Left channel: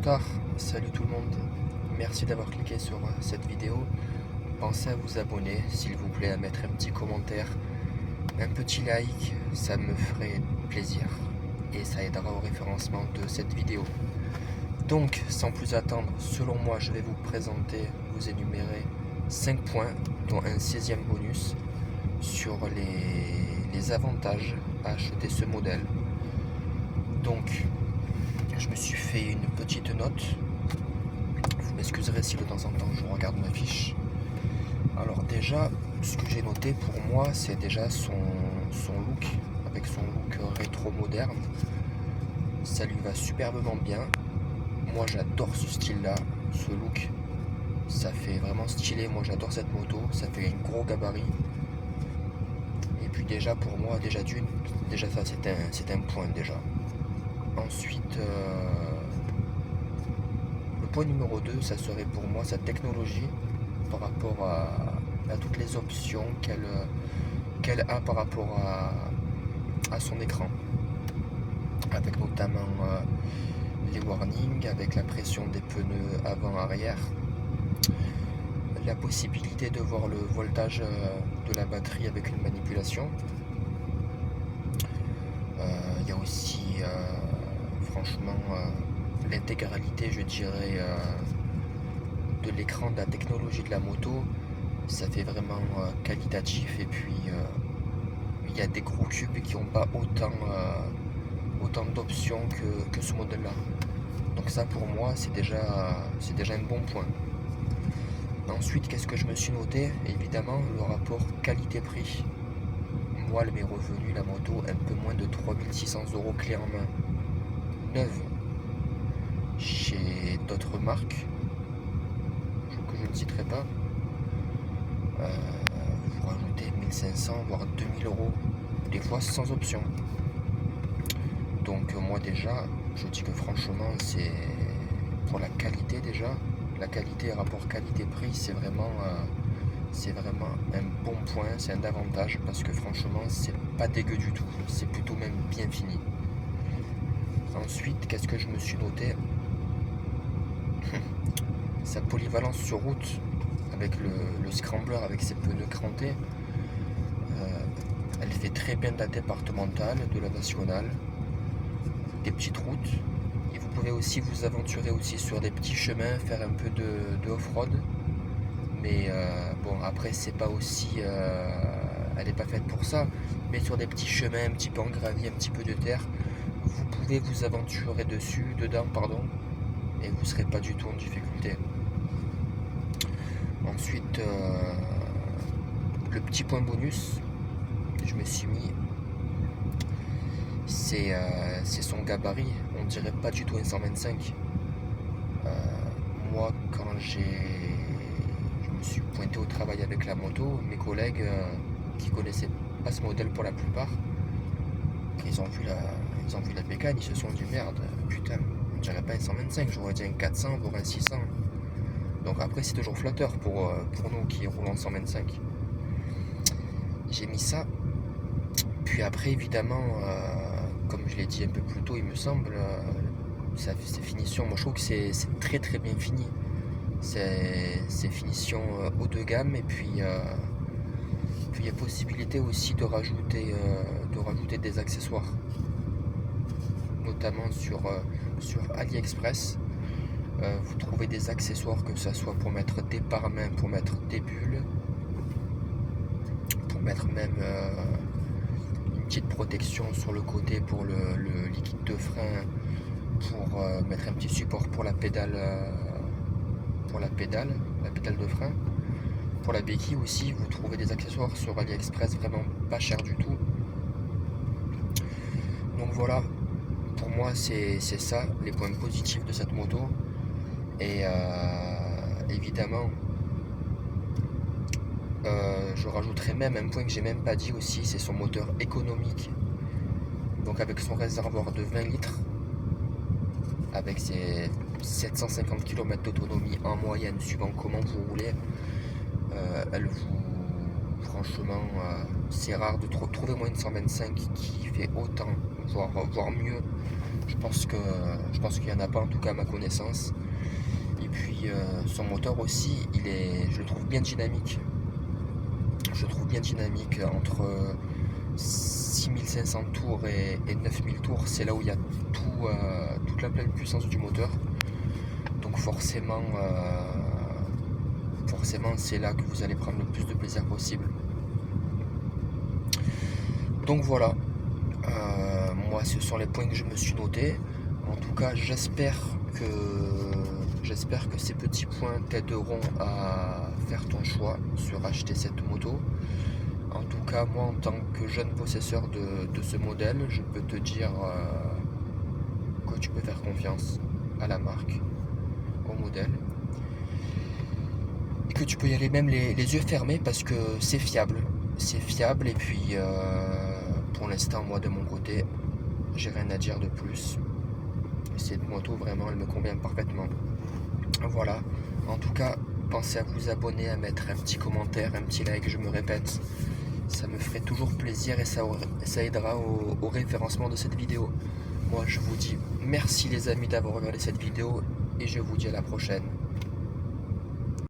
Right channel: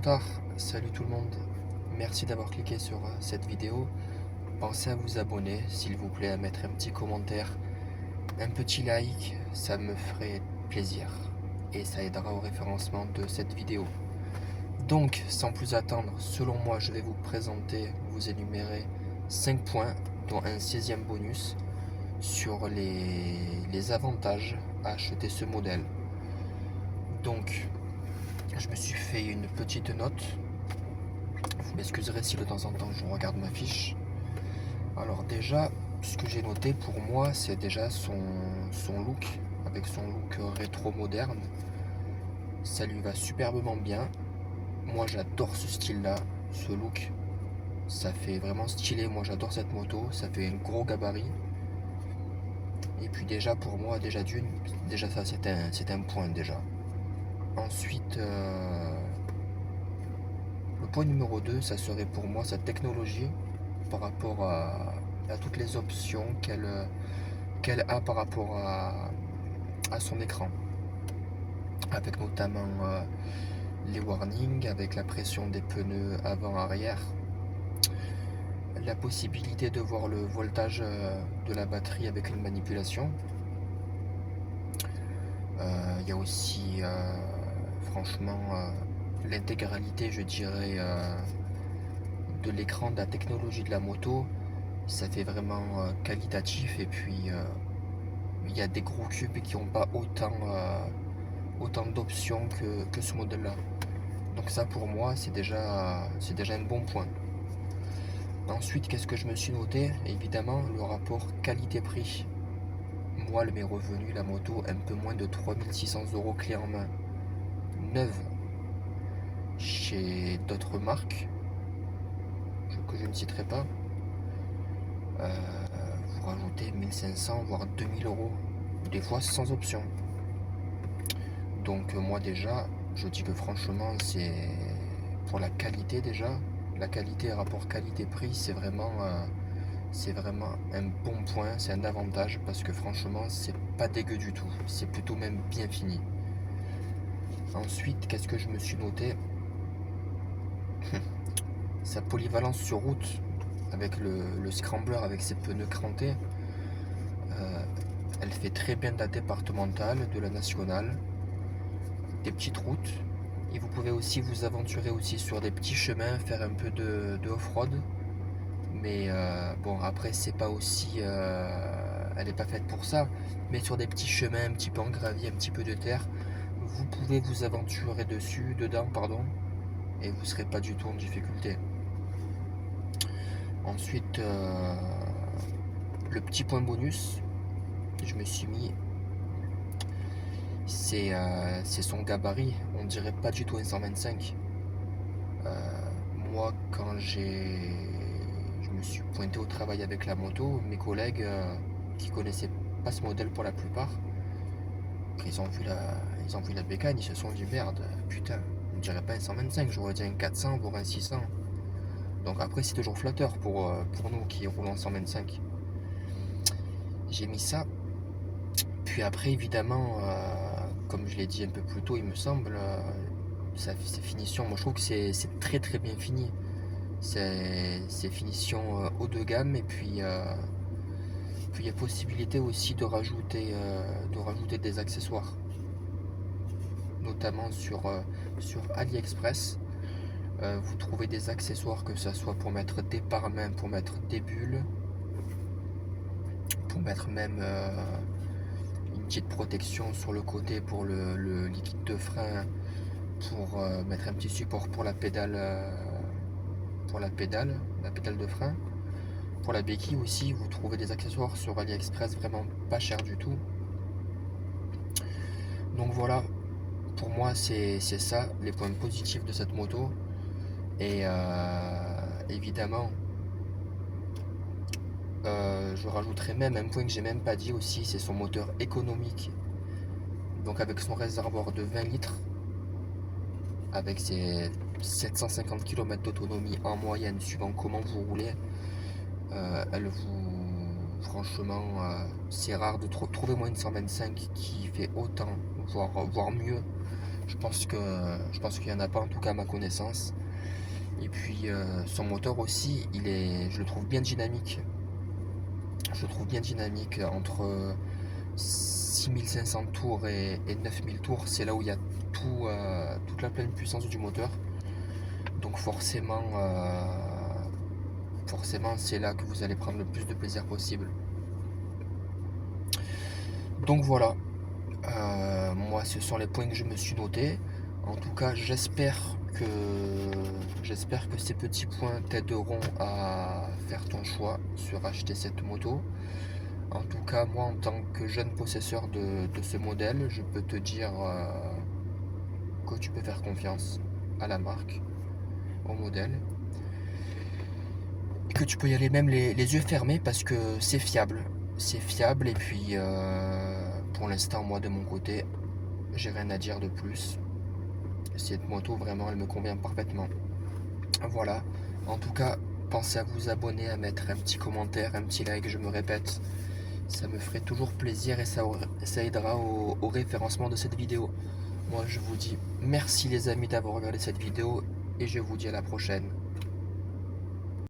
retard. Salut tout le monde. Merci d'avoir cliqué sur cette vidéo. Pensez à vous abonner, s'il vous plaît, à mettre un petit commentaire, un petit like, ça me ferait plaisir et ça aidera au référencement de cette vidéo. Donc, sans plus attendre, selon moi, je vais vous présenter, vous énumérer 5 points, dont un 16e bonus sur les avantages à acheter ce modèle. Donc, je me suis fait une petite note. Vous m'excuserez si de temps en temps je regarde ma fiche. Alors déjà, ce que j'ai noté pour moi, c'est déjà son look, avec son look rétro moderne. Ça lui va superbement bien. Moi j'adore ce style-là, ce look. Ça fait vraiment stylé, moi j'adore cette moto, ça fait un gros gabarit. Et puis déjà pour moi, déjà ça c'est un point déjà. Ensuite, le point numéro 2, ça serait pour moi sa technologie par rapport à toutes les options qu'elle a par rapport à son écran. Avec notamment les warnings, avec la pression des pneus avant-arrière, la possibilité de voir le voltage de la batterie avec une manipulation. Il y a aussi franchement l'intégralité, je dirais, de l'écran, de la technologie de la moto. Ça fait vraiment qualitatif, et puis il y a des gros cubes qui n'ont pas autant d'options que ce modèle là. Donc ça pour moi c'est déjà un bon point. Ensuite, qu'est-ce que je me suis noté? Évidemment le rapport qualité-prix. Moi, elle m'est revenue, la moto, un peu moins de 3600 € clé en main, neuve, chez d'autres marques que je ne citerai pas. Vous rajoutez 1500 voire 2000 €, des fois sans option. Donc moi déjà, je dis que franchement, c'est pour la qualité déjà, la qualité rapport qualité-prix, c'est vraiment un bon point, c'est un avantage, parce que franchement, c'est pas dégueu du tout, c'est plutôt même bien fini. Ensuite, qu'est-ce que je me suis noté? Sa polyvalence sur route, avec le scrambler, avec ses pneus crantés. Elle fait très bien de la départementale, de la nationale, des petites routes, et vous pouvez aussi vous aventurer aussi sur des petits chemins, faire un peu de off-road. Mais bon, après c'est pas aussi elle n'est pas faite pour ça, mais sur des petits chemins un petit peu en gravier, un petit peu de terre, vous pouvez vous aventurer dedans, et vous serez pas du tout en difficulté. Ensuite, le petit point bonus, je me suis mis, c'est son gabarit. On dirait pas du tout un 125. Moi, quand je me suis pointé au travail avec la moto, mes collègues qui connaissaient pas ce modèle pour la plupart, ils ont vu la bécane, ils se sont dit merde, putain, on dirait pas un 125, j'aurais dit un 400 voire un 600. Donc après c'est toujours flatteur pour nous qui roulons en 125. J'ai mis ça. Puis après évidemment, comme je l'ai dit un peu plus tôt, il me semble, ces finitions, moi je trouve que c'est très très bien fini. C'est finition haut de gamme, et puis il y a possibilité aussi de rajouter des accessoires, notamment sur AliExpress. Vous trouvez des accessoires, que ce soit pour mettre des pare-mains, pour mettre des bulles, pour mettre même une petite protection sur le côté pour le liquide de frein, pour mettre un petit support pour la pédale de frein. Pour la béquille aussi, vous trouvez des accessoires sur AliExpress vraiment pas cher du tout. Donc voilà, pour moi c'est ça les points positifs de cette moto. Et évidemment, je rajouterai même un point que j'ai même pas dit aussi, c'est son moteur économique. Donc avec son réservoir de 20 litres, avec ses 750 km d'autonomie en moyenne, suivant comment vous roulez, franchement, c'est rare de trouver moins de 125 qui fait autant, voire mieux. Je pense qu'il n'y en a pas, en tout cas à ma connaissance. Et puis son moteur aussi, je le trouve bien dynamique. Je le trouve bien dynamique entre 6500 tours et 9000 tours. C'est là où il y a toute la pleine puissance du moteur. Donc forcément c'est là que vous allez prendre le plus de plaisir possible. Donc voilà, moi ce sont les points que je me suis notés. En tout cas j'espère que ces petits points t'aideront à faire ton choix sur acheter cette moto. En tout cas moi en tant que jeune possesseur de ce modèle, je peux te dire que tu peux faire confiance à la marque, au modèle. Et que tu peux y aller même les yeux fermés parce que c'est fiable. C'est fiable et puis pour l'instant moi de mon côté j'ai rien à dire de plus. Cette moto vraiment elle me convient parfaitement. Voilà. En tout cas pensez à vous abonner, à mettre un petit commentaire, un petit like, je me répète. Ça me ferait toujours plaisir et ça aidera au référencement de cette vidéo. Moi je vous dis merci les amis d'avoir regardé cette vidéo et je vous dis à la prochaine.